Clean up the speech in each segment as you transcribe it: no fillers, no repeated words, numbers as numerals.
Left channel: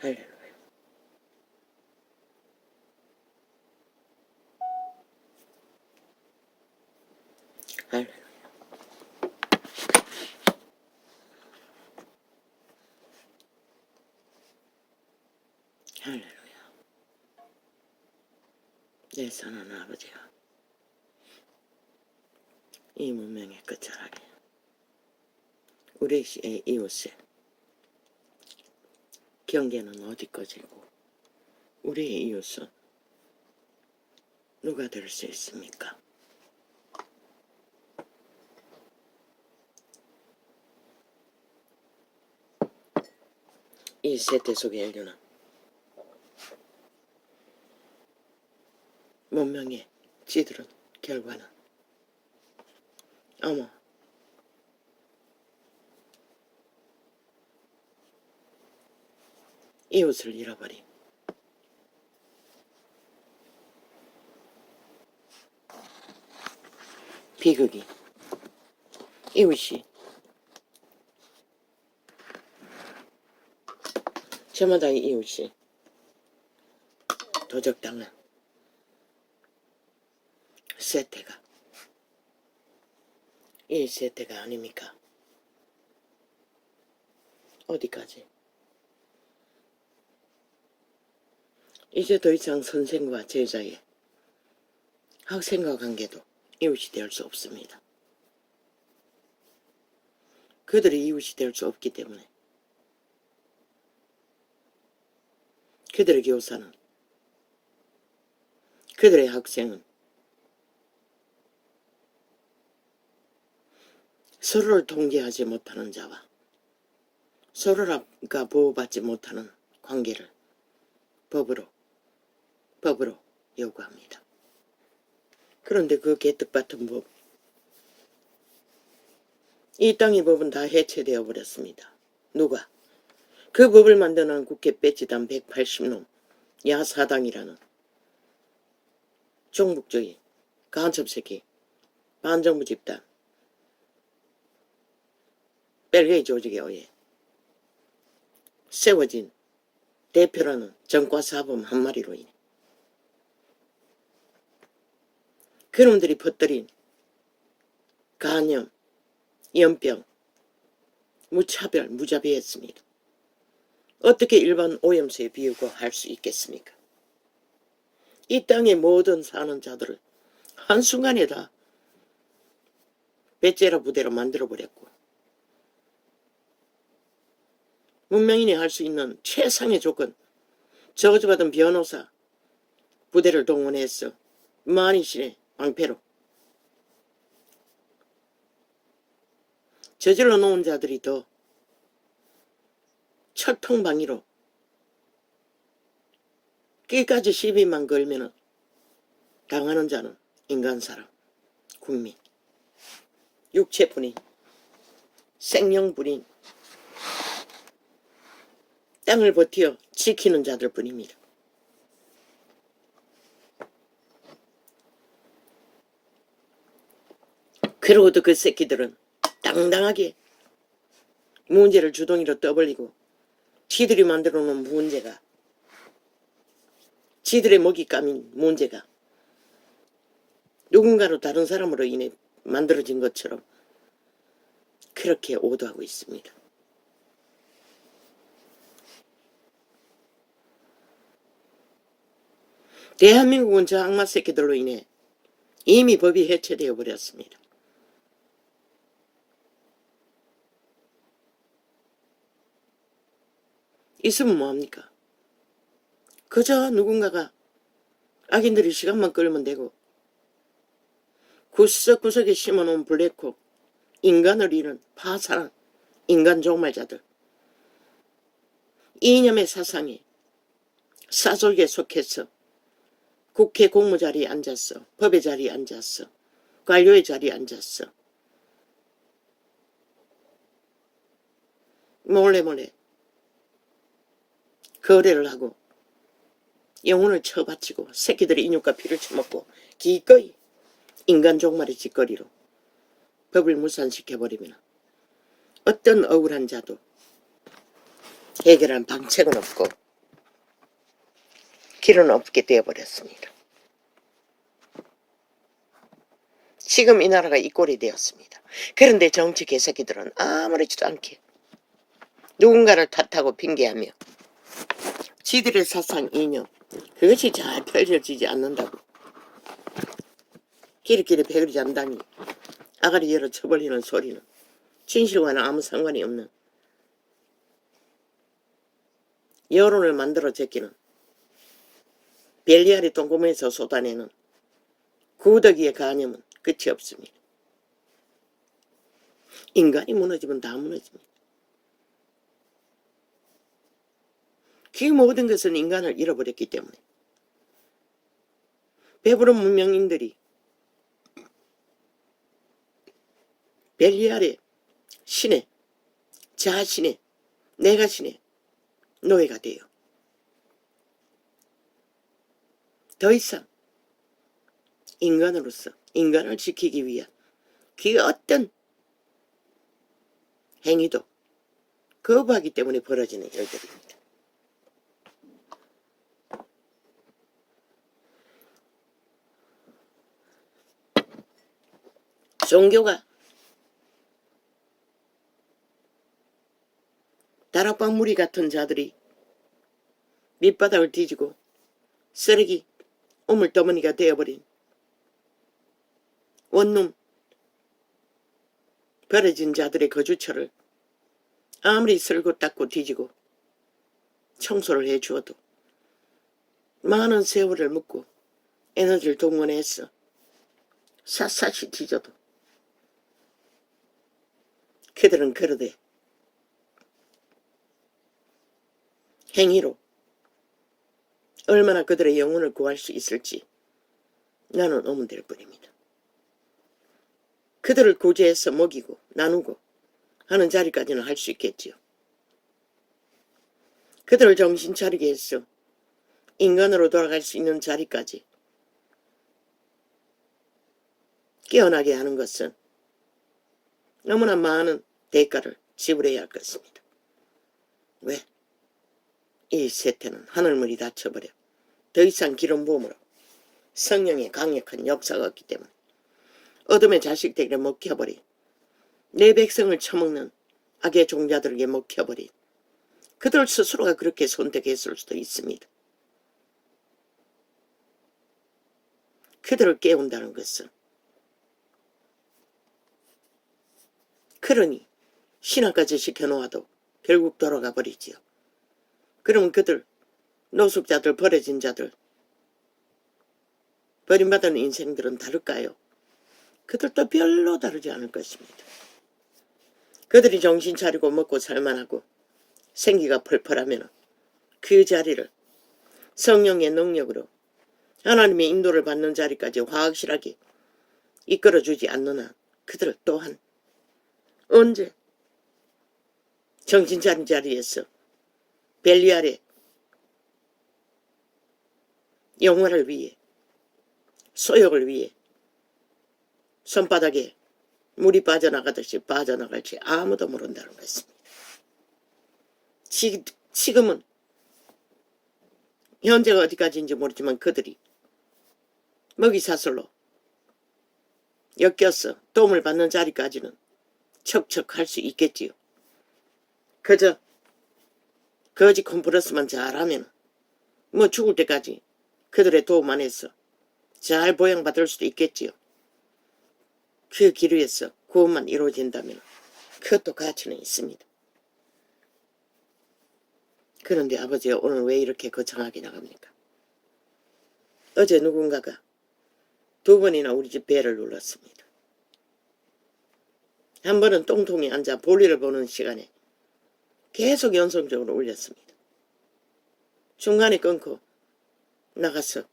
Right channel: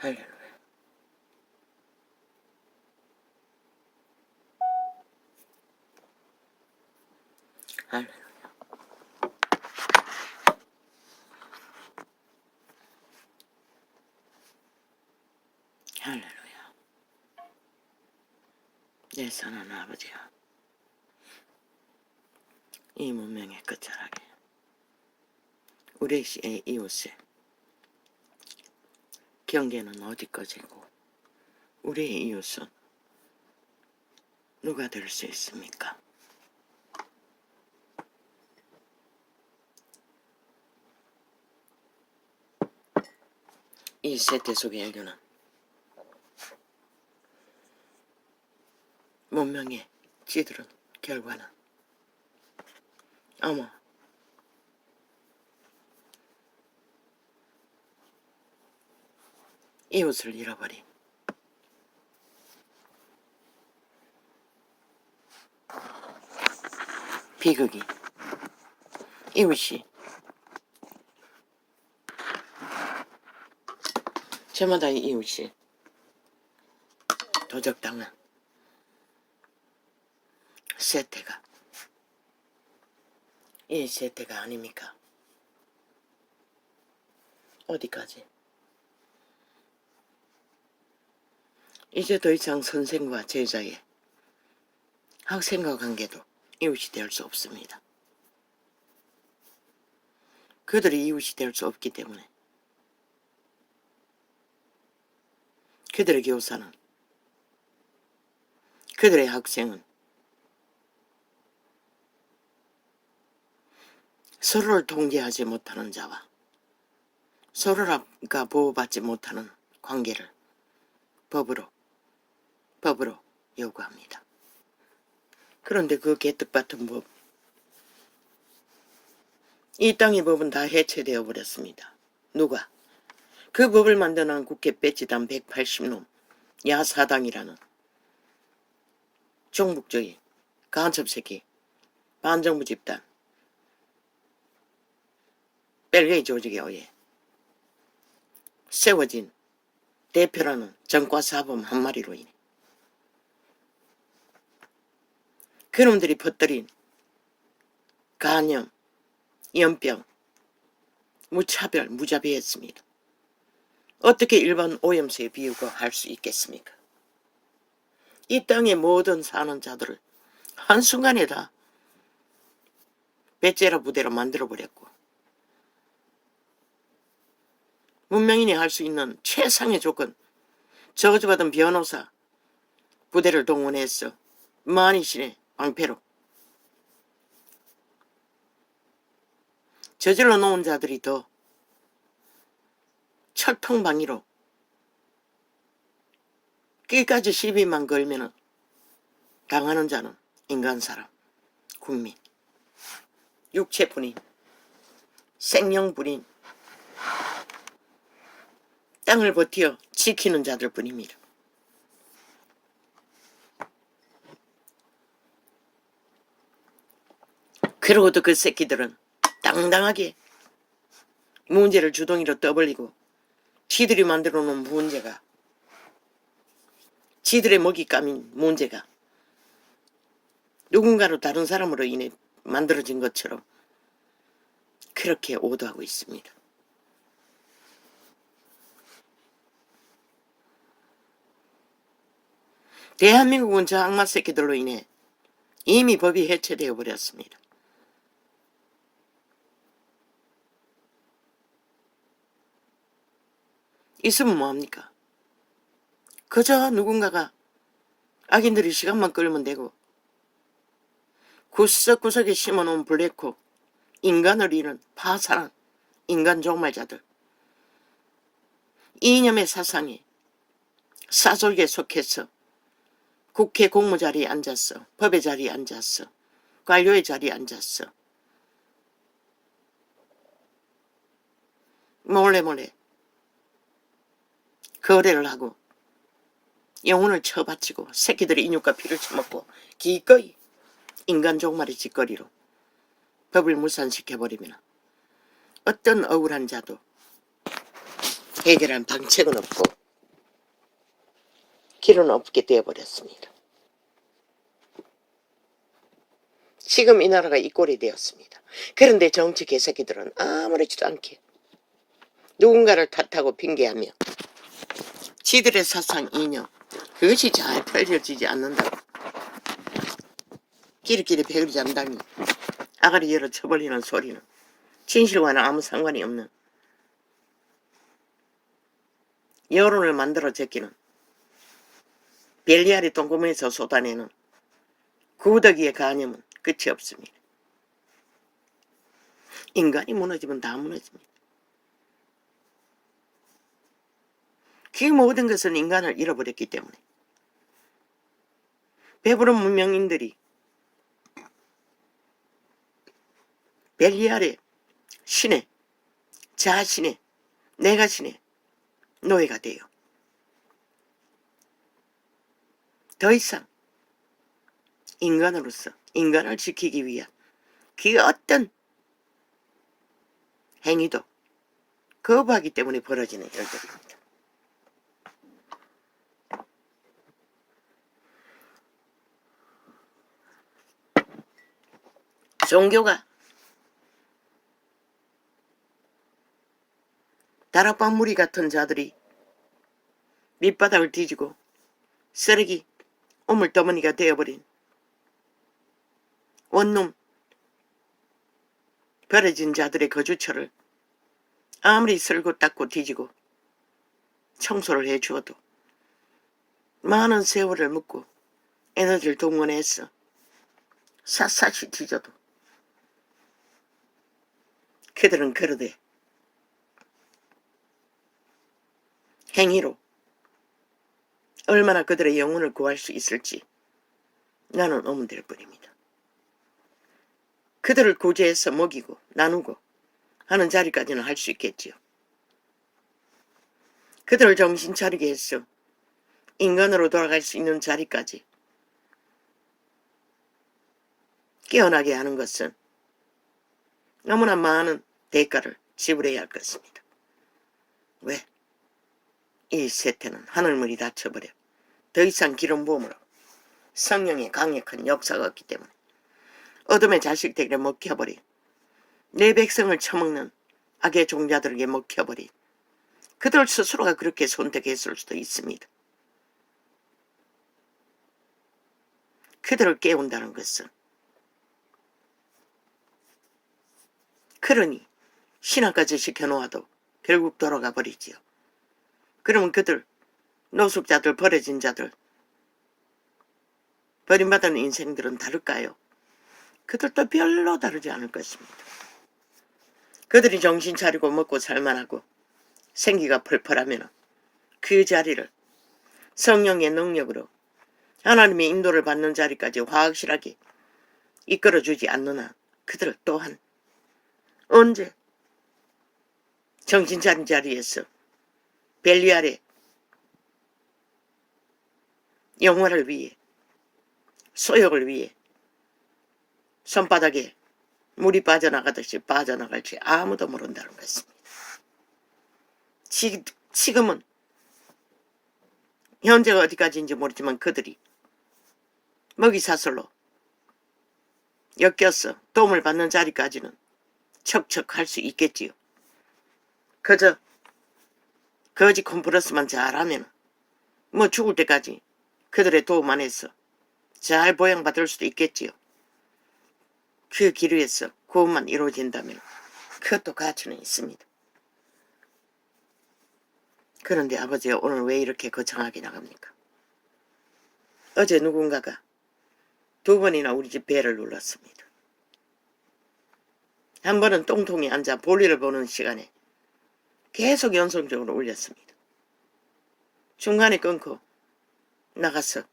할렐루야. 할렐루야. 할렐루야. 내 사랑하는 아버지가 이 문명의 끝자락에 우리 시의 이웃의 경계는 어디까지고 우리의 이웃은 누가 될 수 있습니까? 이 세태 속의 인류는 문명의 찌들은 결과는 아마 이웃을 잃어버린 비극이 이웃이 저마다의 이웃이 도적당한 세태가 이 세태가 아닙니까? 어디까지? 이제 더 이상 선생과 제자의 학생과 관계도 이웃이 될 수 없습니다. 그들이 이웃이 될 수 없기 때문에 그들의 교사는 그들의 학생은 서로를 통제하지 못하는 자와 서로가 보호받지 못하는 관계를 법으로 요구합니다. 그런데 그 개떡같은 법, 이 땅의 법은 다 해체되어 버렸습니다. 누가? 그 법을 만드는 국회 배지단 180놈 야사당이라는 종북주의 간첩새끼 반정부 집단 벨게이 조직에 의해 세워진 대표라는 전과사범 한 마리로 인해 그놈들이 퍼뜨린 간염, 연병, 무차별, 무자비했습니다. 어떻게 일반 오염수에 비우고 할 수 있겠습니까? 이 땅의 모든 사는 자들을 한순간에 다 배째라 부대로 만들어버렸고 문명인이 할 수 있는 최상의 조건, 저주받은 변호사 부대를 동원해서 만이신의 방패로 저질러 놓은 자들이 더 철통방위로 끝까지 시비만 걸면은 당하는 자는 인간사람, 국민, 육체뿐인, 생명뿐인 땅을 버티어 지키는 자들 뿐입니다. 그러고도 그 새끼들은 당당하게 문제를 주둥이로 떠벌리고 지들이 만들어 놓은 문제가 지들의 먹잇감인 문제가 누군가로 다른 사람으로 인해 만들어진 것처럼 그렇게 오도하고 있습니다. 대한민국은 저 악마 새끼들로 인해 이미 법이 해체되어 버렸습니다. 있으면 뭐합니까? 그저 누군가가 악인들이 시간만 끌면 되고 구석구석에 심어놓은 블랙홀, 인간을 잃은 파산한 인간 종말자들, 이념의 사상에 사설계 속해서 국회 공무 자리에 앉았어, 법의 자리에 앉았어, 관료의 자리에 앉았어, 몰래 거래를 하고 영혼을 쳐바치고 새끼들의 인육과 피를 처먹고 기꺼이 인간 종말의 짓거리로 법을 무산시켜버리면 어떤 억울한 자도 해결한 방책은 없고 길은 없게 되어버렸습니다. 지금 이 나라가 이 꼴이 되었습니다. 그런데 정치 개새끼들은 아무렇지도 않게 누군가를 탓하고 핑계하며 지들의 사상 이념 그것이 잘 펼쳐지지 않는다고 끼리끼리 배그리 잠다니 아가리 열어 쳐버리는 소리는 진실과는 아무 상관이 없는 여론을 만들어 제끼는 벨리아리 똥구멍에서 쏟아내는 구더기의 간염은 끝이 없습니다. 인간이 무너지면 다 무너집니다. 그 모든 것은 인간을 잃어버렸기 때문에 배부른 문명인들이 벨리알의 신의 자신의 내가 신의 노예가 돼요. 더 이상 인간으로서 인간을 지키기 위한 그 어떤 행위도 거부하기 때문에 벌어지는 일들입니다. 종교가 다락방 무리 같은 자들이 밑바닥을 뒤지고 쓰레기 오물더머니가 되어버린 원룸 버려진 자들의 거주처를 아무리 쓸고 닦고 뒤지고 청소를 해주어도 많은 세월을 묻고 에너지를 동원해서 샅샅이 뒤져도 그들은 그러되 행위로 얼마나 그들의 영혼을 구할 수 있을지 나는 의문될 뿐입니다. 그들을 구제해서 먹이고 나누고 하는 자리까지는 할 수 있겠지요. 그들을 정신 차리게 해서 인간으로 돌아갈 수 있는 자리까지 깨어나게 하는 것은 너무나 많은 대가를 지불해야 할 것입니다. 왜? 이 세태는 하늘물이 닫혀버려 더 이상 기름 부음으로 성령의 강력한 역사가 없기 때문에 어둠의 자식들에게 먹혀버린 내 백성을 처먹는 악의 종자들에게 먹혀버린 그들 스스로가 그렇게 선택했을 수도 있습니다. 그들을 깨운다는 것은 그러니 신앙까지 시켜놓아도 결국 돌아가 버리지요. 그러면 그들 노숙자들 버려진 자들 버림받은 인생들은 다를까요? 그들도 별로 다르지 않을 것입니다. 그들이 정신 차리고 먹고 살만하고 생기가 펄펄하면 그 자리를 성령의 능력으로 하나님의 인도를 받는 자리까지 확실하게 이끌어주지 않는 한 그들 또한 언제 정신 차린 자리에서 벨리알의 영화를 위해 소욕을 위해 손바닥에 물이 빠져나가듯이 빠져나갈지 아무도 모른다는 것입니다. 지금은 현재가 어디까지인지 모르지만 그들이 먹이사슬로 엮여서 도움을 받는 자리까지는 척척할 수 있겠지요. 그저 거지 콤프러스만 잘하면 뭐 죽을 때까지 그들의 도움 안에서 잘 보양받을 수도 있겠지요. 그 길 위에서 구원만 이루어진다면 그것도 가치는 있습니다. 그런데 아버지가 오늘 왜 이렇게 거창하게 나갑니까? 어제 누군가가 2번이나 우리 집 배를 눌렀습니다. 한 번은 똥통에 앉아 볼일을 보는 시간에 계속 연속적으로 울렸습니다. 중간에 끊고 나가서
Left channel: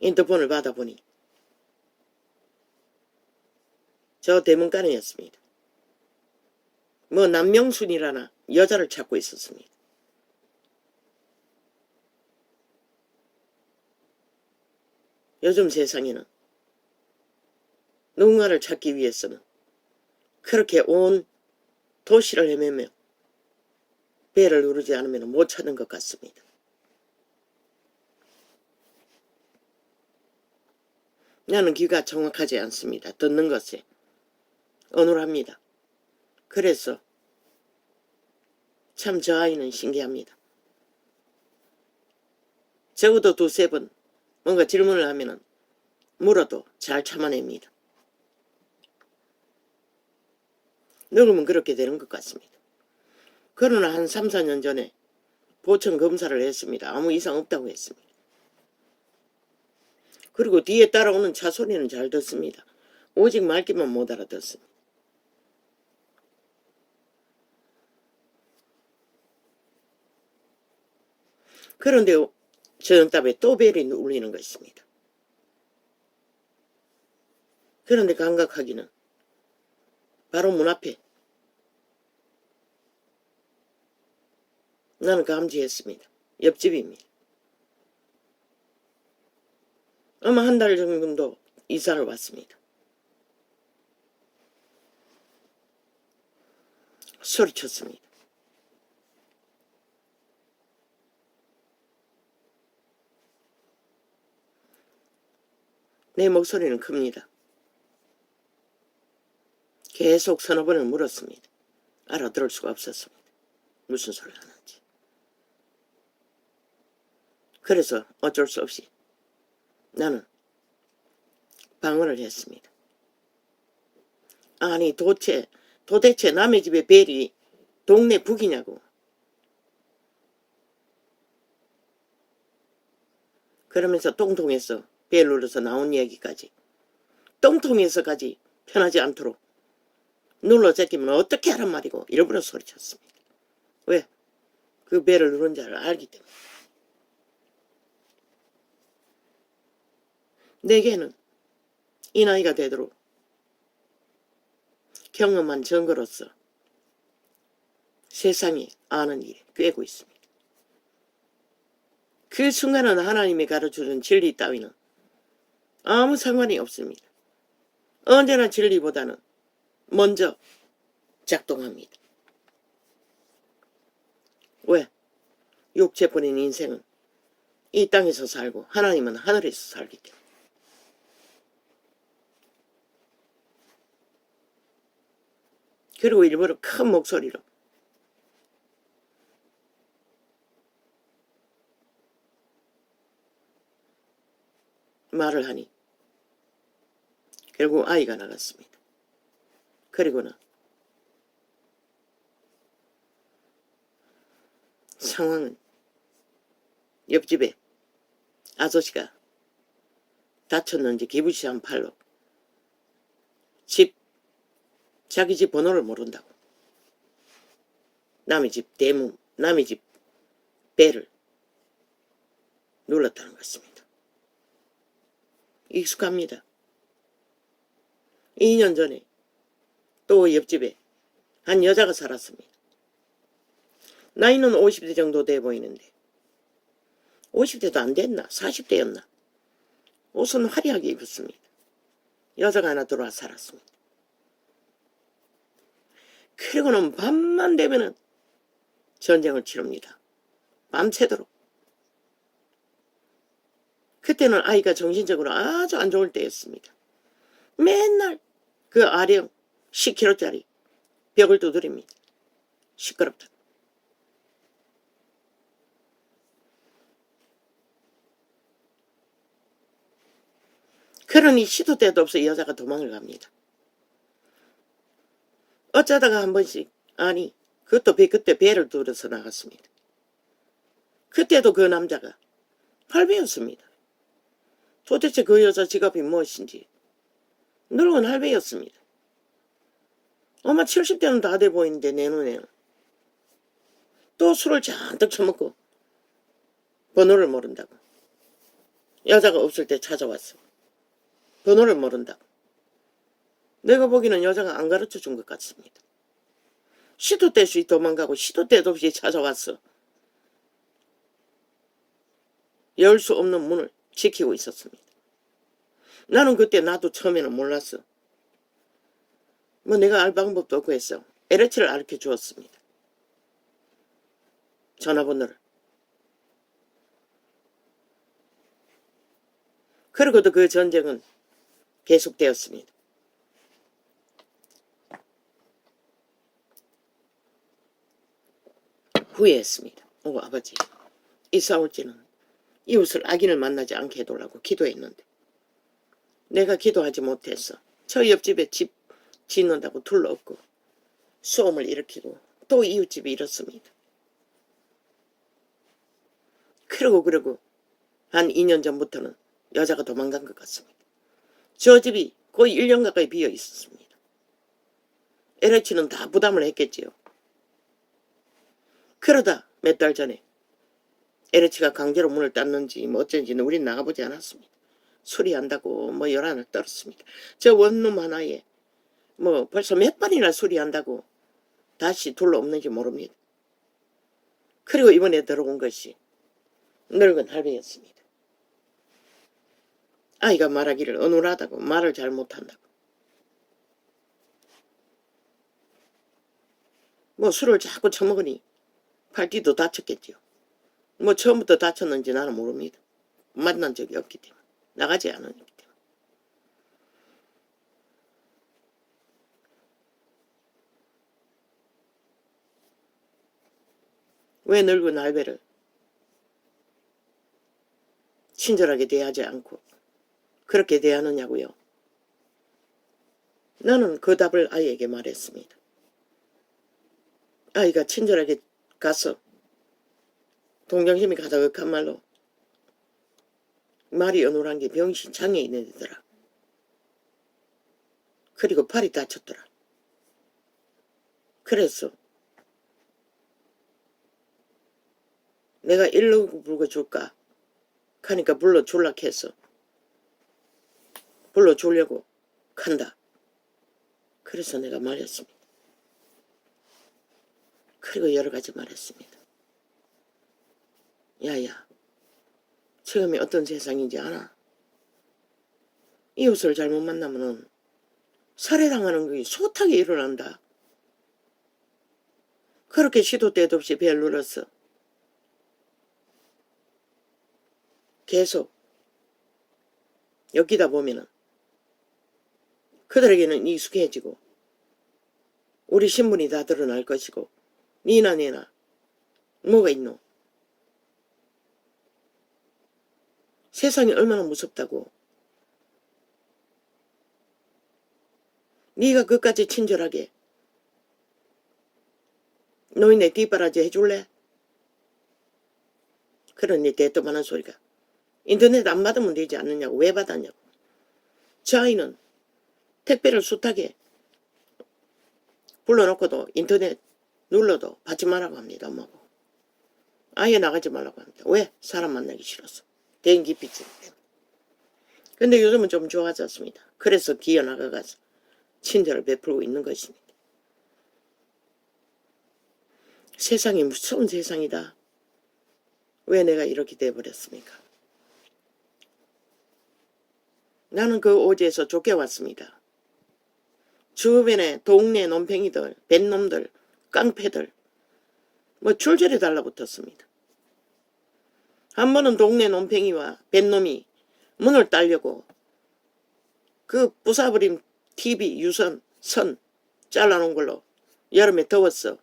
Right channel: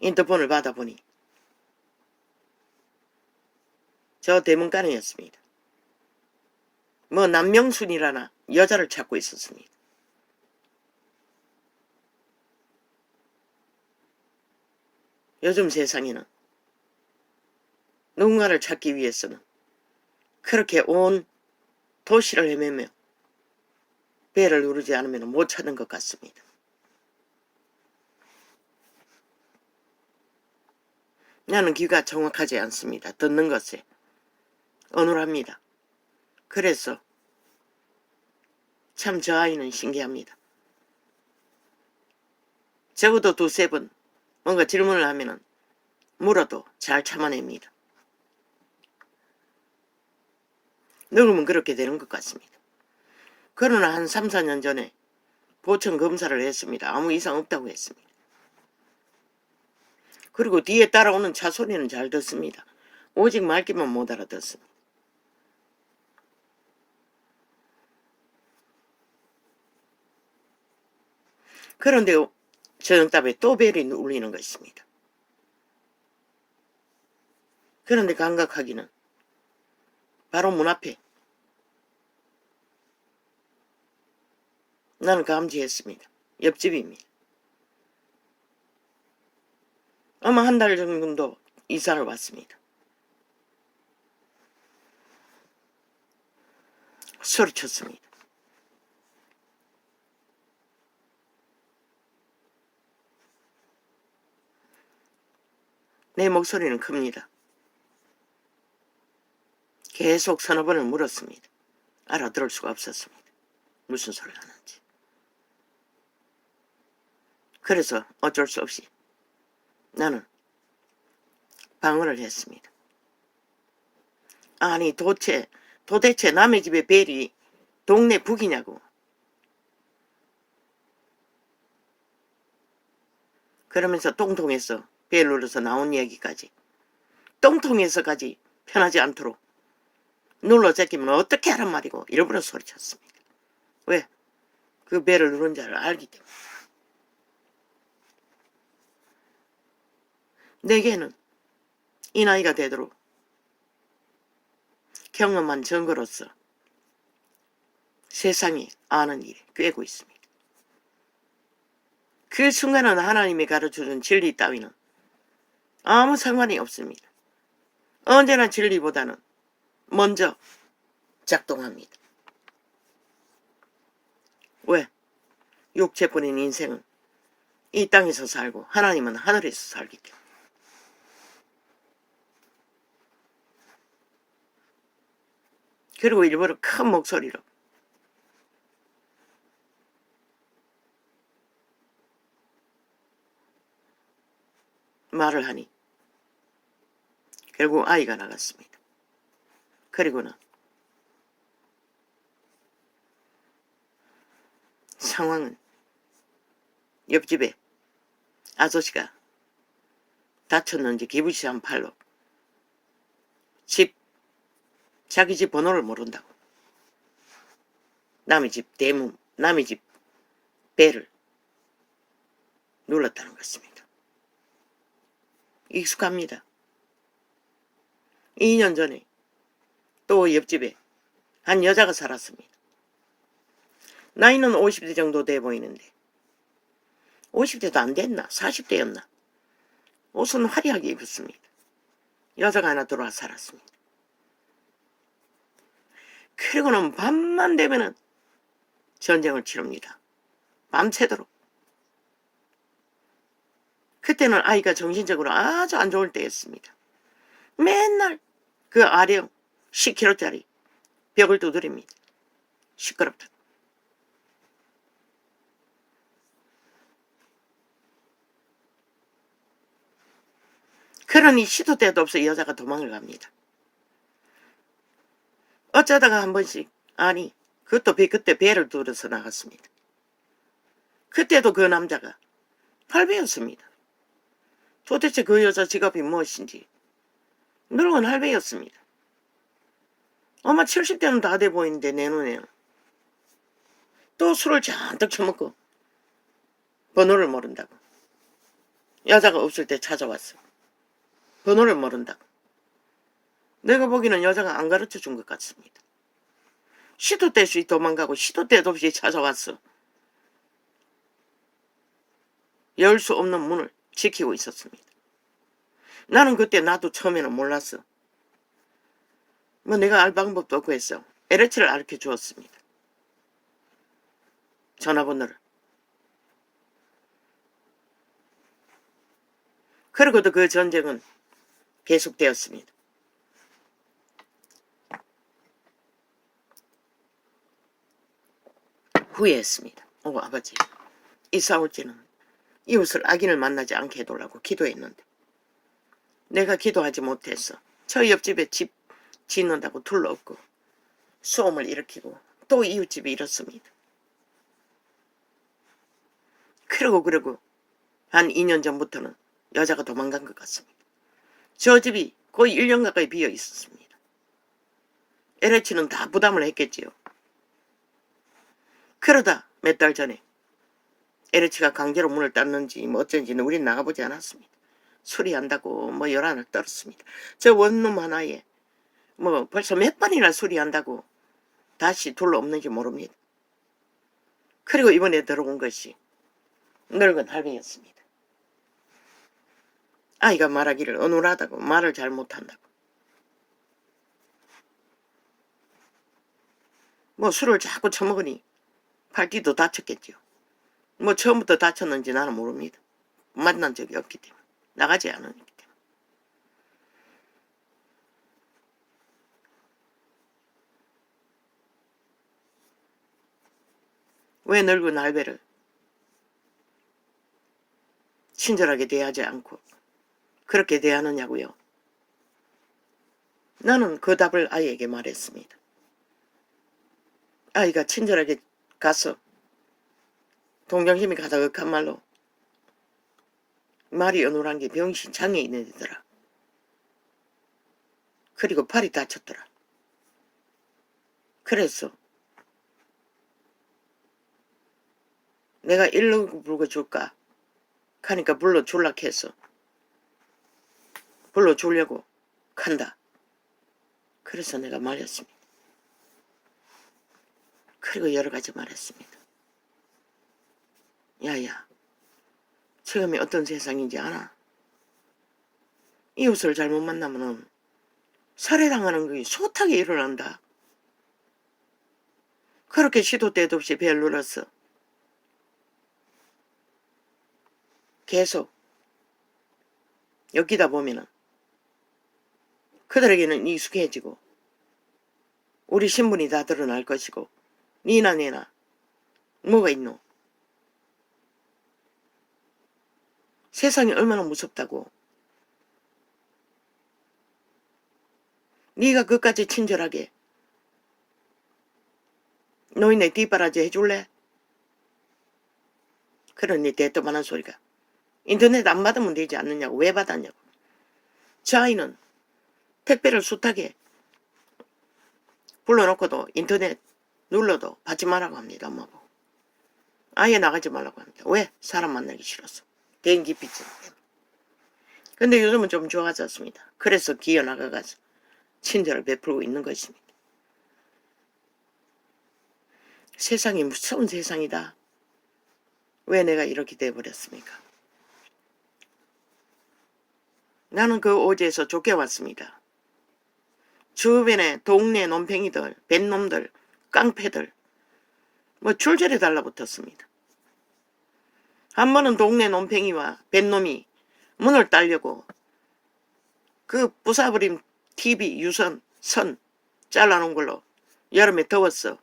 인터폰을 받아보니 저 대문간이었습니다. 뭐 남명순이라나 여자를 찾고 있었습니다. 요즘 세상에는 누군가를 찾기 위해서는 그렇게 온 도시를 헤매며 배를 누르지 않으면 못 찾는 것 같습니다. 나는 귀가 정확하지 않습니다. 듣는 것에 어눌합니다. 그래서 참 저 아이는 신기합니다. 적어도 두세 번 뭔가 질문을 하면은 물어도 잘 참아냅니다. 늙으면 그렇게 되는 것 같습니다. 그러나 한 3, 4년 전에 보청 검사를 했습니다. 아무 이상 없다고 했습니다. 그리고 뒤에 따라오는 차 소리는 잘 듣습니다. 오직 말귀만 못 알아듣습니다. 그런데 저녁답에 또 벨이 울리는 것입니다. 그런데 감각하기는 바로 문 앞에 나는 감지했습니다. 옆집입니다. 아마 한 달 정도 이사를 왔습니다. 소리쳤습니다. 내 목소리는 큽니다. 계속 서너 번을 물었습니다. 알아들을 수가 없었습니다. 무슨 소리가 하는지. 그래서 어쩔 수 없이 나는 방어를 했습니다. 아니 도대체 남의 집에 벨이 동네 북이냐고. 그러면서 똥통에서 벨 눌러서 나온 얘기까지 똥통에서까지 편하지 않도록 눌러 제끼면 어떻게 하란 말이고 일부러 소리쳤습니다. 왜? 그 벨을 누른 자를 알기 때문에. 내게는 이 나이가 되도록 경험한 증거로서 세상에 아는 일이 꿰고 있습니다. 그 순간은 하나님이 가르쳐준 진리 따위는 아무 상관이 없습니다. 언제나 진리보다는 먼저 작동합니다. 왜? 육체뿐인 인생은 이 땅에서 살고 하나님은 하늘에서 살기 때문에. 그리고 일부러 큰 목소리로 말을 하니 결국 아이가 나갔습니다. 그리고는 상황은 옆집에 아저씨가 다쳤는지 기부시한 팔로 자기 집 번호를 모른다고 남의 집 대문, 남의 집 벨을 눌렀다는 것입니다. 익숙합니다. 2년 전에 또 옆집에 한 여자가 살았습니다. 나이는 50대 정도 돼 보이는데 50대도 안 됐나? 40대였나? 옷은 화려하게 입었습니다. 여자가 하나 들어와 살았습니다. 그리고는 밤만 되면은 전쟁을 치릅니다. 밤새도록. 그때는 아이가 정신적으로 아주 안 좋을 때였습니다. 맨날 그 아령 10kg짜리 벽을 두드립니다. 시끄럽다. 그러니 시도 때도 없어 여자가 도망을 갑니다. 어쩌다가 한 번씩 그것도 그때 배를 들어서 나갔습니다. 그때도 그 남자가 할배였습니다. 도대체 그 여자 직업이 무엇인지 늙은 할배였습니다. 아마 70대는 다 돼 보이는데 내 눈에는. 또 술을 잔뜩 처먹고 번호를 모른다고. 여자가 없을 때 찾아왔어. 번호를 모른다고. 내가 보기에는 여자가 안 가르쳐준 것 같습니다. 시도 때 없이 도망가고 시도 때도 없이 찾아왔어. 열 수 없는 문을 지키고 있었습니다. 나는 그때 나도 처음에는 몰랐어. 뭐 내가 알 방법도 없고 해서 LH를 가르쳐 주었습니다. 전화번호를. 그리고도 그 전쟁은 계속되었습니다. 후회했습니다. 아버지, 이사 올 때는 이웃을 악인을 만나지 않게 해달라고 기도했는데 내가 기도하지 못해서 저 옆집에 집 짓는다고 둘러엎고 소음을 일으키고 또 이웃집이 이렇습니다. 그러고 한 2년 전부터는 여자가 도망간 것 같습니다. 저 집이 거의 1년 가까이 비어 있었습니다. LH는 다 부담을 했겠지요. 그러다 몇 달 전에 LH가 강제로 문을 닫는지 뭐 어쩐지는 우린 나가보지 않았습니다. 수리한다고 뭐 열안을 떨었습니다. 저 원룸 하나에 뭐 벌써 몇 번이나 수리한다고 다시 둘러엎는지 모릅니다. 그리고 이번에 들어온 것이 늙은 할배였습니다. 아이가 말하기를 어눌하다고 말을 잘 못한다고. 뭐 술을 자꾸 처먹으니 팔뒤도 다쳤겠죠. 뭐 처음부터 다쳤는지 나는 모릅니다. 만난 적이 없기 때문에. 나가지 않으기 때문에. 왜 늙은 할배를 친절하게 대하지 않고 그렇게 대하느냐고요. 나는 그 답을 아이에게 말했습니다. 아이가 친절하게 가서 동정심이 가득한 말로 말이 어눌한 게 병신 장애인이더라. 그리고 팔이 다쳤더라. 그래서 내가 119 불러줄까 하니까 불러줄라 해서 불러주려고 간다. 그래서 내가 말했습니다. 그리고 여러 가지 말했습니다. 야야, 지금이 어떤 세상인지 알아? 이웃을 잘못 만나면 살해당하는 게 숱하게 일어난다. 그렇게 시도 때도 없이 벨 눌렀어. 계속 엮이다 보면은 그들에게는 익숙해지고 우리 신분이 다 드러날 것이고 니나 내나 뭐가 있노? 세상이 얼마나 무섭다고. 네가 그까지 친절하게 노인네 뒷바라지 해줄래? 그러니 대또만한 소리가 인터넷 안 받으면 되지 않느냐고. 왜 받았냐고. 저 아이는 택배를 숱하게 불러놓고도 인터넷 눌러도 받지 말라고 합니다. 엄마고. 아예 나가지 말라고 합니다. 왜? 사람 만나기 싫어서. 개인기 빚지. 근데 요즘은 좀 좋아졌습니다. 그래서 기어 나가가서 친절을 베풀고 있는 것입니다. 세상이 무서운 세상이다. 왜 내가 이렇게 돼버렸습니까? 나는 그 오지에서 쫓겨왔습니다. 주변에 동네 논팽이들, 뱃놈들, 깡패들 뭐 줄줄이 달라붙었습니다. 한 번은 동네 논팽이와 뱃놈이 문을 따려고 그 부숴버린 TV 유선 선 잘라놓은 걸로 여름에 더웠어.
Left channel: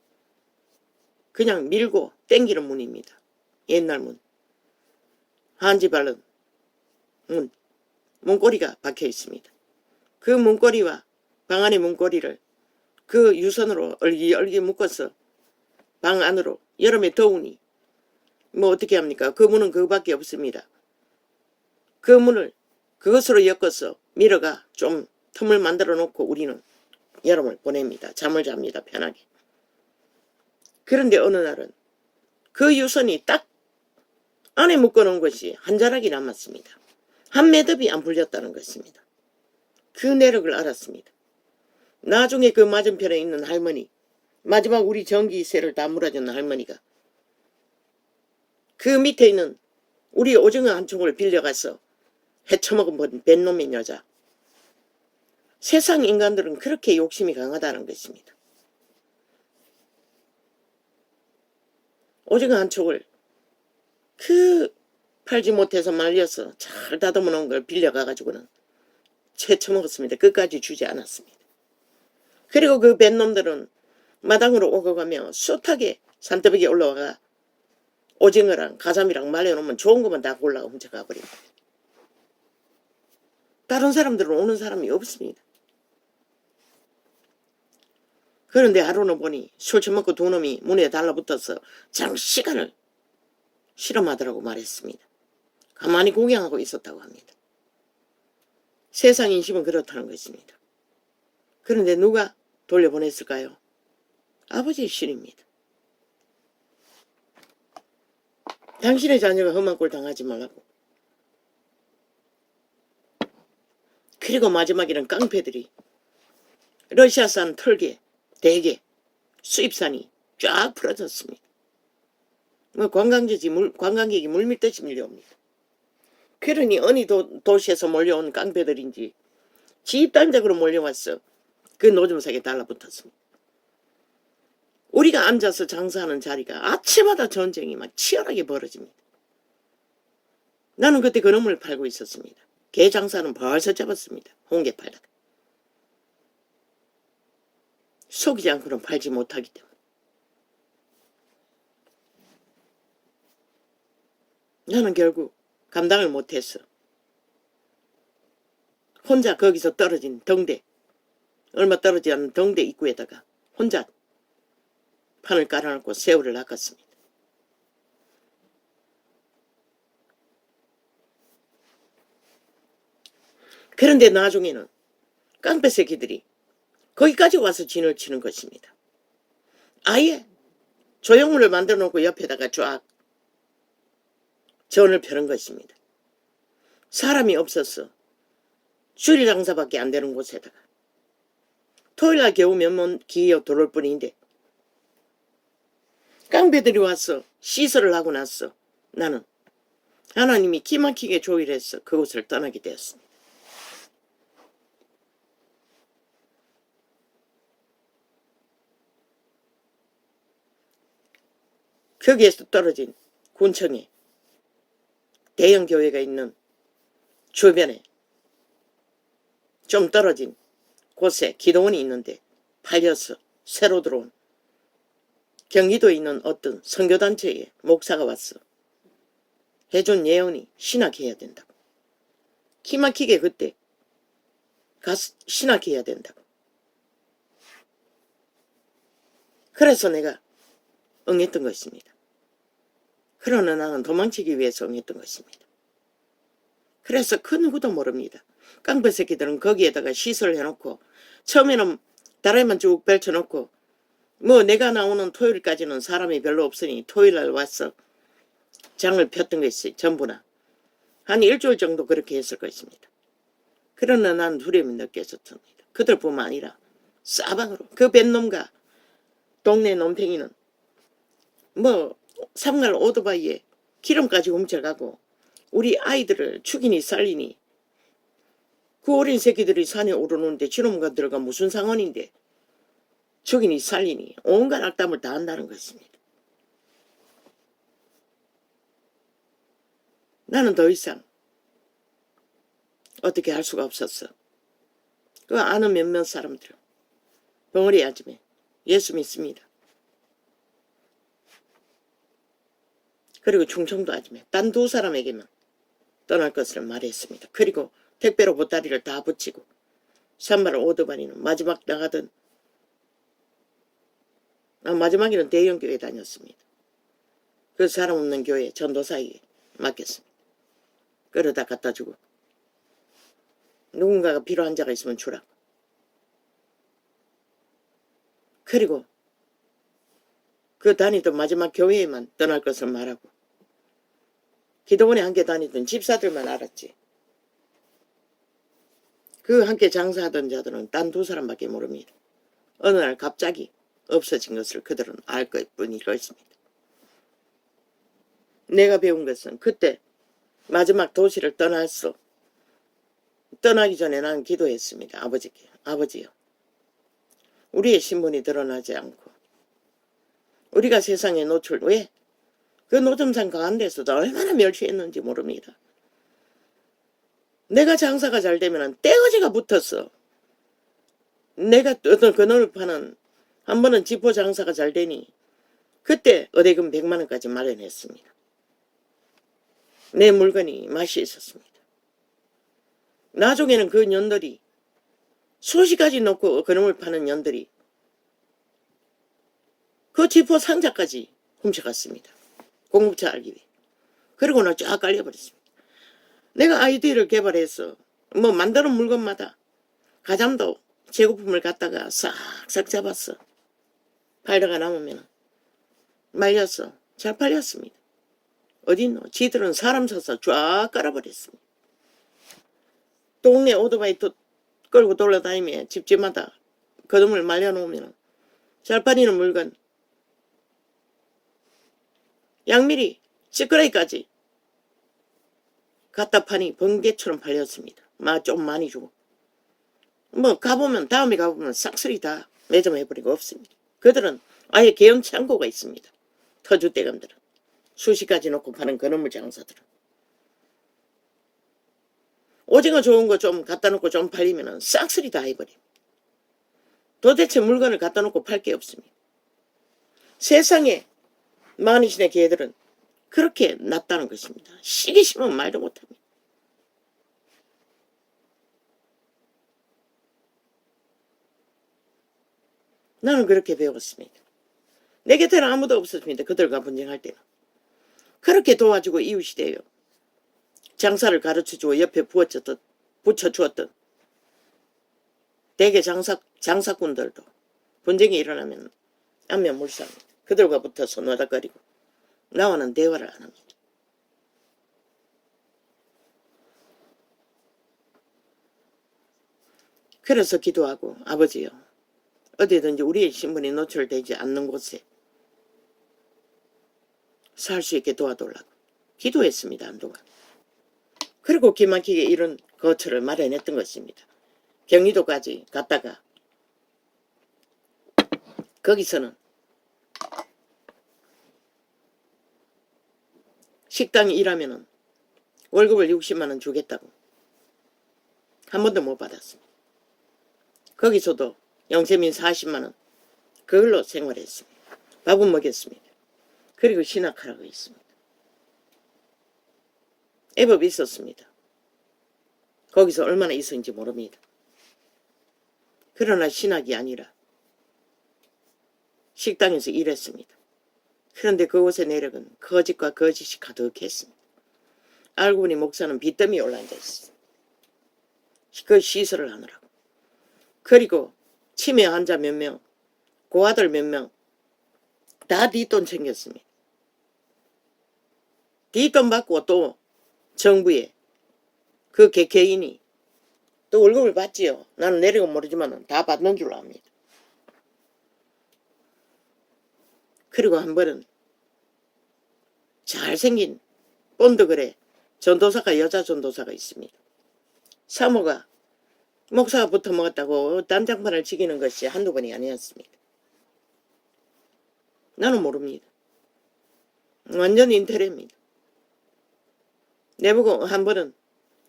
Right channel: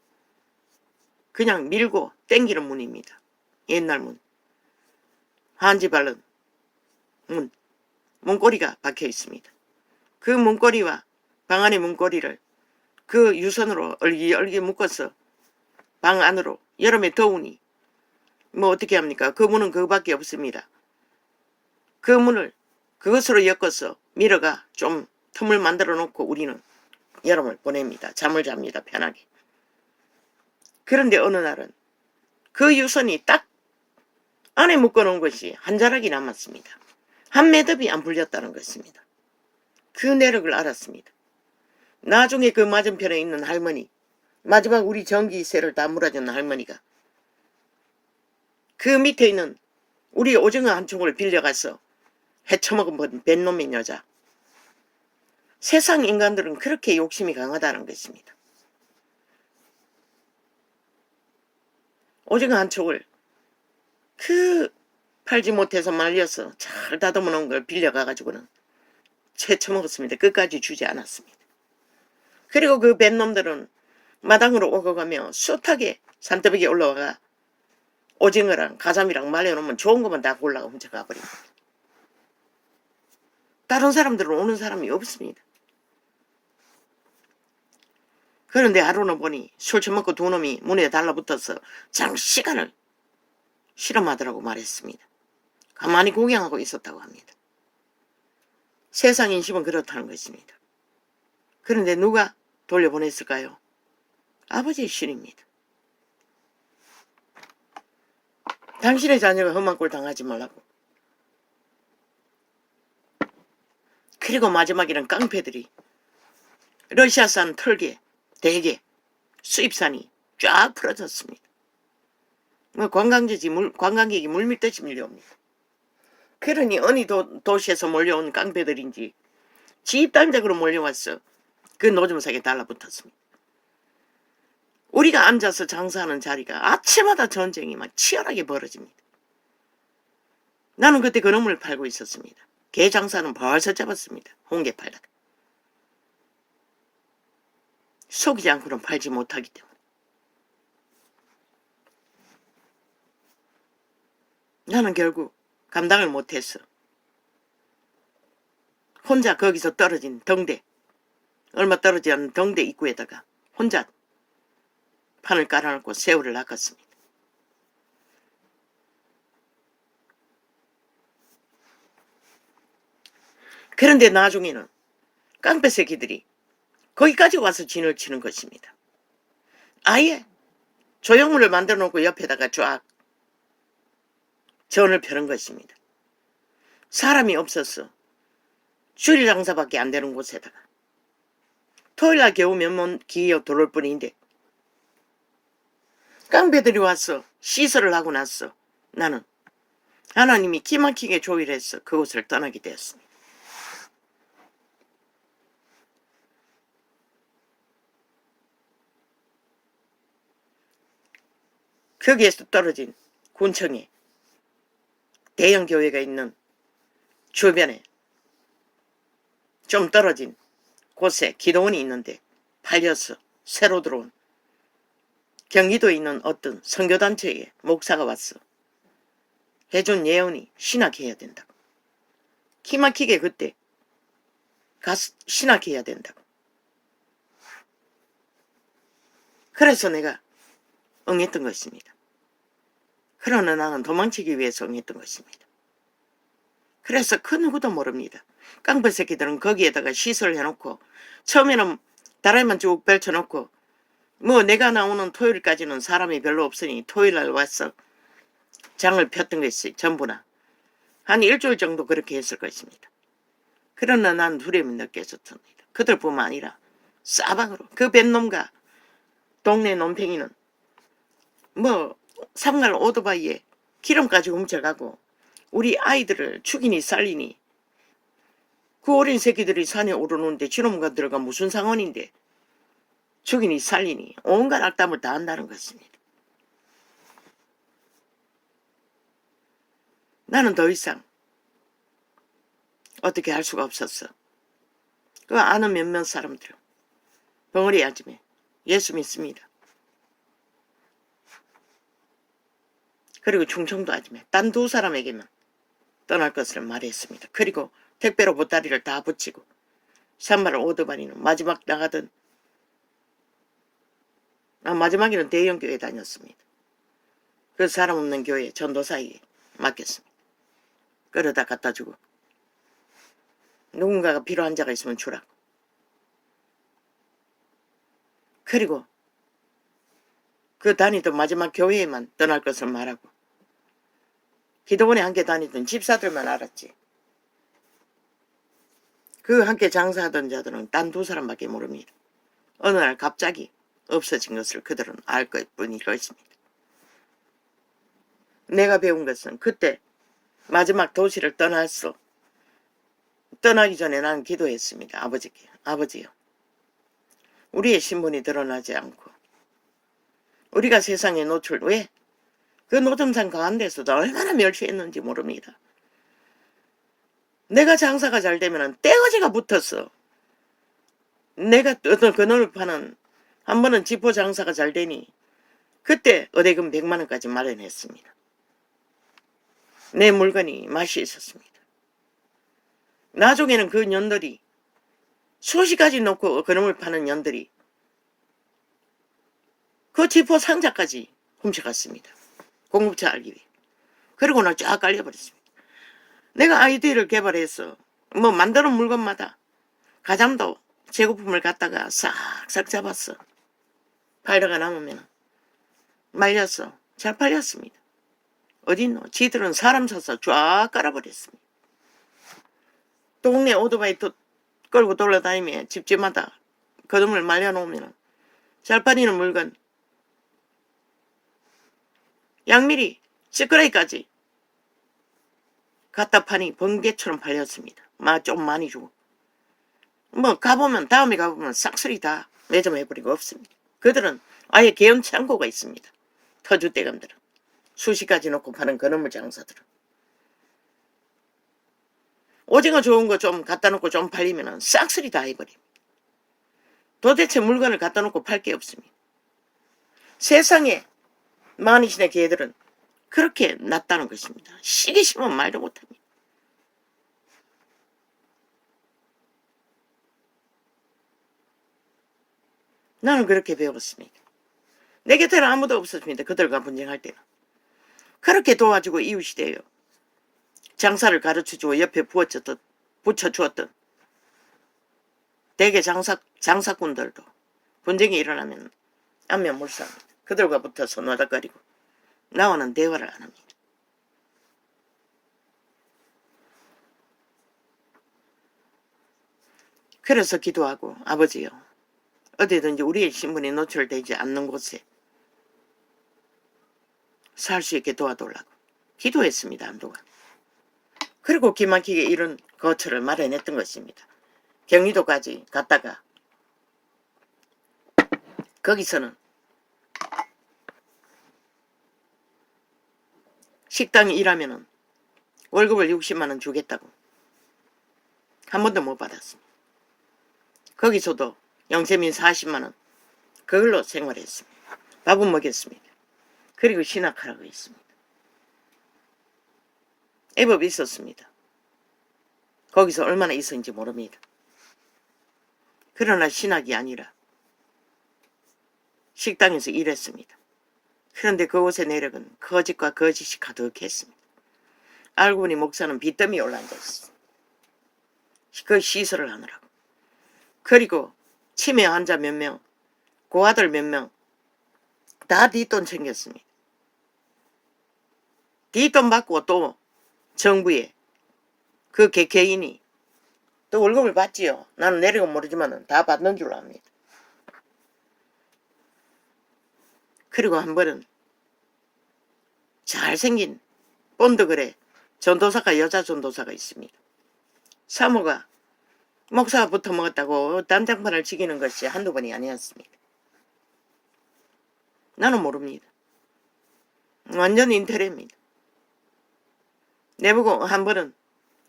그냥 밀고 땡기는 문입니다. 옛날 문. 한지 바른 문. 문고리가 박혀 있습니다. 그 문고리와 방 안의 문고리를 그 유선으로 얼기얼기 묶어서 방 안으로 여름에 더우니 뭐 어떻게 합니까? 그 문은 그거밖에 없습니다. 그 문을 그것으로 엮어서 밀어가 좀 틈을 만들어 놓고 우리는 여름을 보냅니다. 잠을 잡니다. 편하게. 그런데 어느 날은 그 유선이 딱 안에 묶어놓은 것이 한 자락이 남았습니다. 한 매듭이 안 풀렸다는 것입니다. 그 내력을 알았습니다. 나중에 그 맞은편에 있는 할머니, 마지막 우리 전기세를 다 물어주는 할머니가 그 밑에 있는 우리 오징어 한 촉을 빌려가서 헤쳐먹은 뱃놈의 여자. 세상 인간들은 그렇게 욕심이 강하다는 것입니다. 오징어 한 촉을 그 팔지 못해서 말려서 잘 다듬어 놓은 걸 빌려가가지고는 채쳐 먹었습니다. 끝까지 주지 않았습니다. 그리고 그 뱃놈들은 마당으로 오고 가며 숱하게 산더미에 올라와가 오징어랑 가자미랑 말려놓으면 좋은 것만 다 골라가 혼자 가버립니다. 다른 사람들은 오는 사람이 없습니다. 그런데 하루는 보니 술 처먹고 두 놈이 문에 달라붙어서 장시간을 실험하더라고 말했습니다. 가만히 구경하고 있었다고 합니다. 세상 인심은 그렇다는 것입니다. 그런데 누가 돌려보냈을까요? 아버지의 신입니다. 당신의 자녀가 험한 꼴 당하지 말라고. 그리고 마지막에는 깡패들이 러시아산 털개, 대게, 수입산이 쫙 풀어졌습니다. 관광객이 물밀듯이 밀려옵니다. 그러니 어느 도시에서 몰려온 깡패들인지 집단적으로 몰려와서 그 노점상에 달라붙었습니다. 우리가 앉아서 장사하는 자리가 아침마다 전쟁이 막 치열하게 벌어집니다. 나는 그때 그놈을 팔고 있었습니다. 개 장사는 벌써 잡았습니다. 홍게 팔다가. 속이지 않고는 팔지 못하기 때문에. 나는 결국 감당을 못했어. 혼자 거기서 떨어진 덩대, 얼마 떨어지지 않은 덩대 입구에다가 혼자 판을 깔아놓고 새우를 낚았습니다. 그런데 나중에는 깡패 새끼들이 거기까지 와서 진을 치는 것입니다. 아예 조형물을 만들어 놓고 옆에다가 쫙 전을 펴는 것입니다. 사람이 없었어. 주일 장사밖에 안 되는 곳에다가. 토요일날 겨우 몇번 기어 들어올 뿐인데 깡패들이 와서 시설을 하고 났어. 나는 하나님이 기막히게 조율해서 그곳을 떠나게 되었습니다. 거기에서 떨어진 군청에 대형 교회가 있는 주변에 좀 떨어진 곳에 기도원이 있는데 팔려서 새로 들어온 경기도에 있는 어떤 선교단체에 목사가 왔어. 해준 예언이 신학해야 된다고. 기막히게 그때 가서 신학해야 된다고. 그래서 내가 응했던 것입니다. 그러나 나는 도망치기 위해서 응했던 것입니다. 그래서 그 누구도 모릅니다. 깡패 새끼들은 거기에다가 시설을 해놓고 처음에는 다리만 쭉 펼쳐놓고 뭐 내가 나오는 토요일까지는 사람이 별로 없으니 토요일날 와서 장을 폈던 것이 전부나 한 일주일 정도 그렇게 했을 것입니다. 그러나 난 두려움을 느꼈었습니다. 그들뿐만 아니라 싸방으로 그 뱃놈과 동네 놈탱이는 뭐 상갈 오토바이에 기름까지 훔쳐가고 우리 아이들을 죽이니 살리니 그 어린 새끼들이 산에 오르는데 저놈과 들어가 무슨 상관인데 죽이니 살리니 온갖 악담을 다 한다는 것입니다. 나는 더 이상 어떻게 할 수가 없었어. 그 아는 몇몇 사람들은 벙어리 아줌에 예수 믿습니다. 그리고 충청도 아줌에 딴 두 사람에게만 떠날 것을 말했습니다. 그리고 택배로 보따리를 다 붙이고 산발 오토바이는 마지막 나가던 마지막에는 대형교회 다녔습니다. 그 사람 없는 교회 전도사에게 맡겼습니다. 끌어다 갖다 주고 누군가가 필요한 자가 있으면 주라고. 그리고 그 다니던 마지막 교회에만 떠날 것을 말하고 기도원에 함께 다니던 집사들만 알았지. 그 함께 장사하던 자들은 딴 두 사람밖에 모릅니다. 어느 날 갑자기 없어진 것을 그들은 알 것뿐일 것입니다. 내가 배운 것은 그때 마지막 도시를 떠났어. 떠나기 전에 난 기도했습니다. 아버지께. 아버지요. 우리의 신분이 드러나지 않고 우리가 세상에 노출 왜 그 노점상 가운데서도 얼마나 멸시했는지 모릅니다. 내가 장사가 잘 되면 떼거지가 붙었어. 내가 어떤 그놈을 파는 한 번은 지포 장사가 잘 되니 그때 의뢰금 100만 원까지 마련했습니다. 내 물건이 맛이 있었습니다. 나중에는 그 년들이 수시까지 놓고 그놈을 파는 년들이 그 지포 상자까지 훔쳐갔습니다. 공급처 알기 위해. 그리고 나 쫙 깔려버렸습니다. 내가 아이디어를 개발해서 뭐 만드는 물건마다 가장도 재고품을 갖다가 싹싹 잡았어. 팔다가 남으면 말렸어. 잘 팔렸습니다. 어딨노? 지들은 사람 사서 쫙 깔아버렸습니다. 동네 오토바이 끌고 돌아다니며 집집마다 거둠을 말려놓으면 잘 팔리는 물건 양미리 찌끄레기까지 갖다 파니 번개처럼 팔렸습니다. 좀 많이 주고. 뭐 다음에 가보면 싹쓸이 다 매점해버리고 없습니다. 그들은 아예 개연 창고가 있습니다. 터줏대감들은. 수시까지 놓고 파는 그놈의 장사들은. 오징어 좋은 거 좀 갖다 놓고 좀 팔리면 싹쓸이 다 해버립니다. 도대체 물건을 갖다 놓고 팔 게 없습니다. 세상에 만이신의 개들은 그렇게 낫다는 것입니다. 시기 싫으면 말도 못합니다. 나는 그렇게 배웠습니다. 내 곁에는 아무도 없었습니다. 그들과 분쟁할 때는. 그렇게 도와주고 이웃이 되어 장사를 가르쳐주고 옆에 붙여주었던 대개 장사꾼들도 분쟁이 일어나면 안면물사합니다. 그들과 붙어서 노닥거리고 나와는 대화를 안 합니다. 그래서 기도하고 아버지요, 어디든지 우리의 신분이 노출되지 않는 곳에 살 수 있게 도와달라고 기도했습니다. 한동안. 그리고 기막히게 이런 거처를 마련했던 것입니다. 경리도까지 갔다가 거기서는 식당에 일하면 월급을 60만 원 주겠다고 한 번도 못 받았습니다. 거기서도 영세민 40만 원 그걸로 생활했습니다. 밥은 먹였습니다. 그리고 신학하라고 했습니다. 애법이 있었습니다. 거기서 얼마나 있었는지 모릅니다. 그러나 신학이 아니라 식당에서 일했습니다. 그런데 그곳의 내력은 거짓과 거짓이 가득했습니다. 알고 보니 목사는 빚더미에 올라앉아있었습니다. 그 시설을 하느라고. 그리고 치매 환자 몇 명, 고아들 몇 명 다 뒷돈 챙겼습니다. 뒷돈 받고 또 정부에 그 개개인이 또 월급을 받지요. 나는 내력은 모르지만 다 받는 줄로 압니다. 그리고 한 번은 잘생긴 본드글에 전도사가 여자 전도사가 있습니다. 사모가 목사가 붙어 먹었다고 단장판을 지기는 것이 한두 번이 아니었습니다. 나는 모릅니다. 완전 인테리입니다. 내보고 한 번은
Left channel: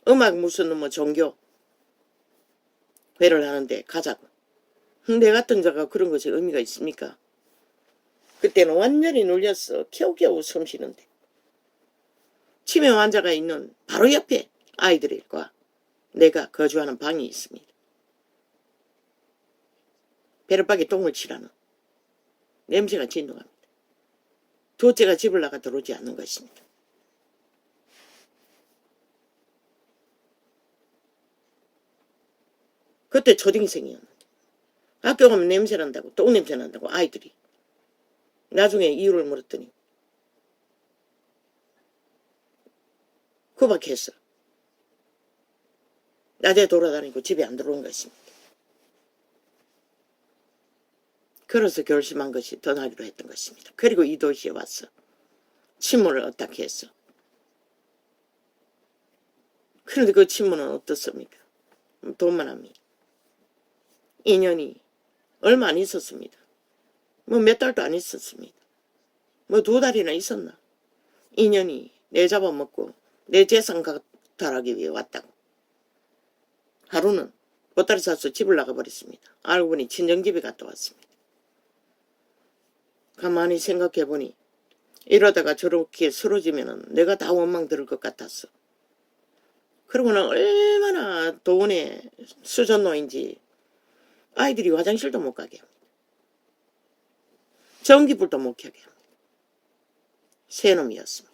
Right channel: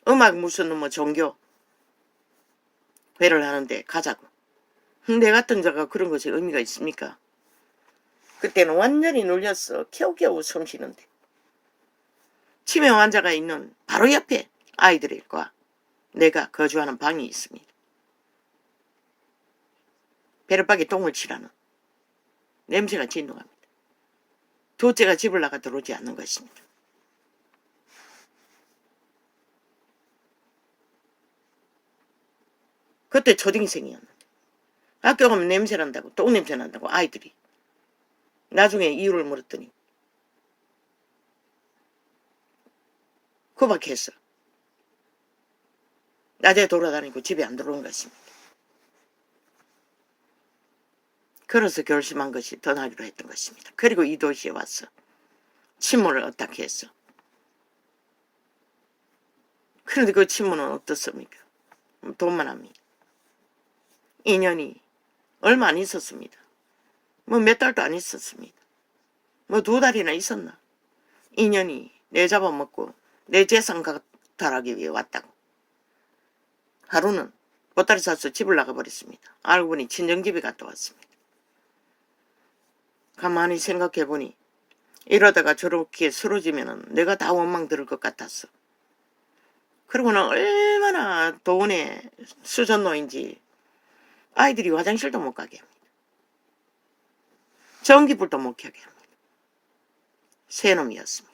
음악 무슨 뭐 종교 회를 하는데 가자고. 내 같은 자가 그런 것이 의미가 있습니까? 그때는 완전히 눌렸어. 겨우겨우 숨 쉬는데. 치매 환자가 있는 바로 옆에 아이들과 내가 거주하는 방이 있습니다. 베르박에 똥을 치라는 냄새가 진동합니다. 둘째가 집을 나가 들어오지 않는 것입니다. 그때 초딩생이었는데 학교 가면 냄새 난다고 똥냄새 난다고 아이들이. 나중에 이유를 물었더니 구박했어. 낮에 돌아다니고 집에 안 들어오는 것입니다. 그래서 결심한 것이 떠나기로 했던 것입니다. 그리고 이 도시에 와서 친문을 어떻게 했어. 그런데 그 친문은 어떻습니까? 돈만 합니다. 인연이 얼마 안 있었습니다. 뭐 몇 달도 안 있었습니다. 뭐 2달이나 있었나. 인연이 내 잡아먹고 내 재산 갖탈하기 위해 왔다고. 하루는 보따리 싸서 집을 나가버렸습니다. 알고 보니 친정집에 갔다 왔습니다. 가만히 생각해보니 이러다가 저렇게 쓰러지면 내가 다 원망 들을 것 같았어. 그러고는 얼마나 돈에 수전노인지 아이들이 화장실도 못 가게 합니다. 전기불도 못 켜게 합니다. 새놈이었습니다.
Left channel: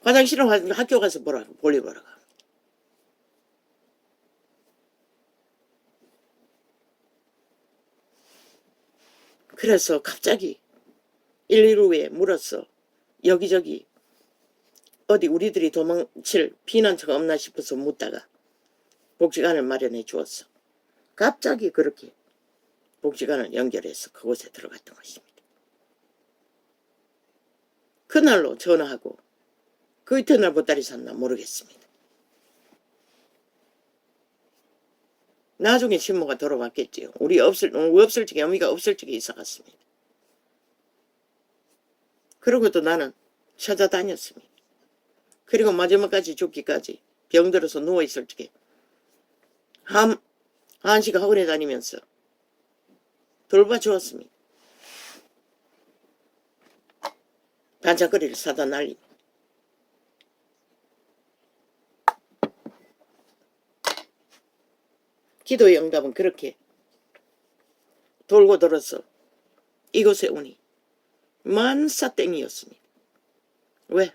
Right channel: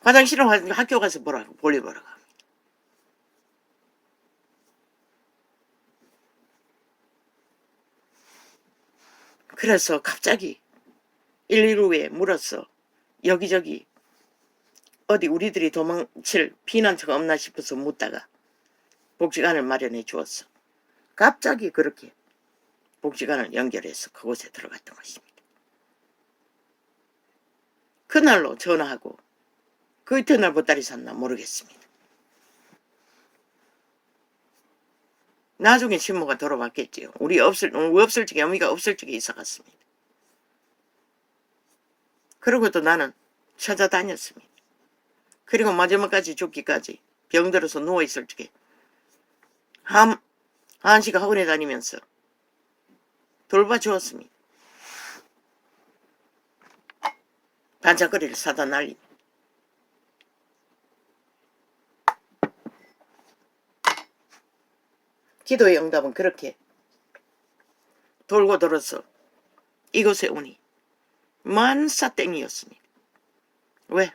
화장실은 학교 가서 보라고, 볼일 보라고 합니다. 그래서 갑자기 112에 물었어. 여기저기 어디 우리들이 도망칠 피난처가 없나 싶어서 묻다가 복지관을 마련해 주었어. 갑자기 그렇게 복지관을 연결해서 그곳에 들어갔던 것입니다. 그날로 전화하고 그 이튿날 보따리 샀나 모르겠습니다. 나중에 친모가 돌아왔겠지요. 우리 없을 적에 어미가 없을 적에 있어갔습니다. 그러고도 나는 찾아다녔습니다. 그리고 마지막까지 죽기까지 병들어서 누워있을 적에 한시가 학원에 다니면서 돌봐주었습니다. 반짝거리를 사다 날립니다. 기도의 응답은 그렇게 돌고 돌아서 이곳에 오니 만사땡이었습니다. 왜?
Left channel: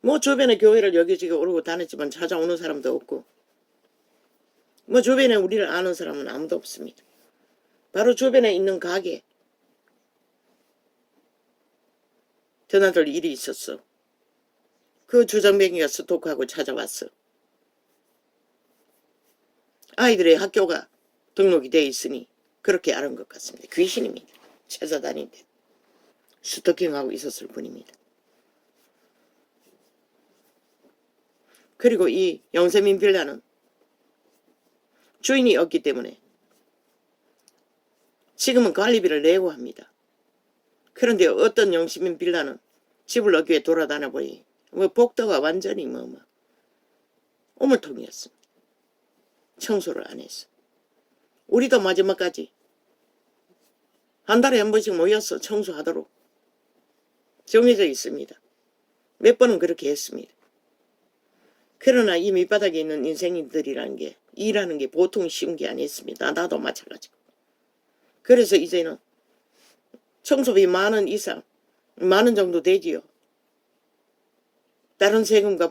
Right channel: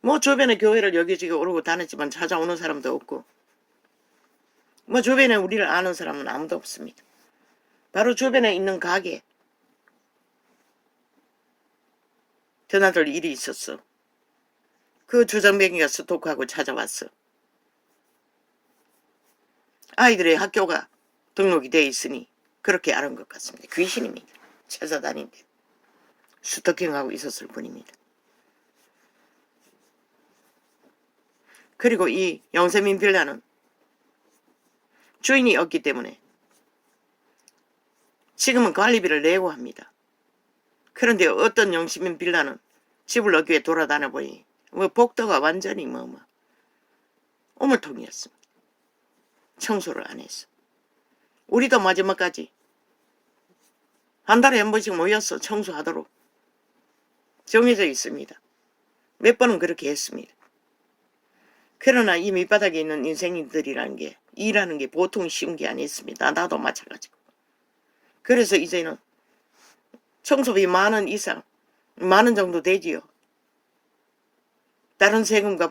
뭐 주변에 교회를 여기저기 오르고 다녔지만 찾아오는 사람도 없고 뭐 주변에 우리를 아는 사람은 아무도 없습니다. 바로 주변에 있는 가게 드나들 일이 있었어. 그 주정뱅이가 스토크하고 찾아왔어. 아이들의 학교가 등록이 돼 있으니 그렇게 알은 것 같습니다. 귀신입니다. 찾아다니는데 스토킹하고 있었을 뿐입니다. 그리고 이 영세민 빌라는 주인이 없기 때문에 지금은 관리비를 내고 합니다. 그런데 어떤 영세민 빌라는 집을 얻기 위해 돌아다녀 보니 복도가 완전히 오물통이었습니다. 청소를 안 했어. 우리도 마지막까지 한 달에 한 번씩 모여서 청소하도록 정해져 있습니다. 몇 번은 그렇게 했습니다. 그러나 이 밑바닥에 있는 인생인들이라는 게 일하는 게 보통 쉬운 게 아니었습니다. 나도 마찬가지고. 그래서 이제는 청소비 10,000원 이상, 10,000원 정도 되지요. 다른 세금과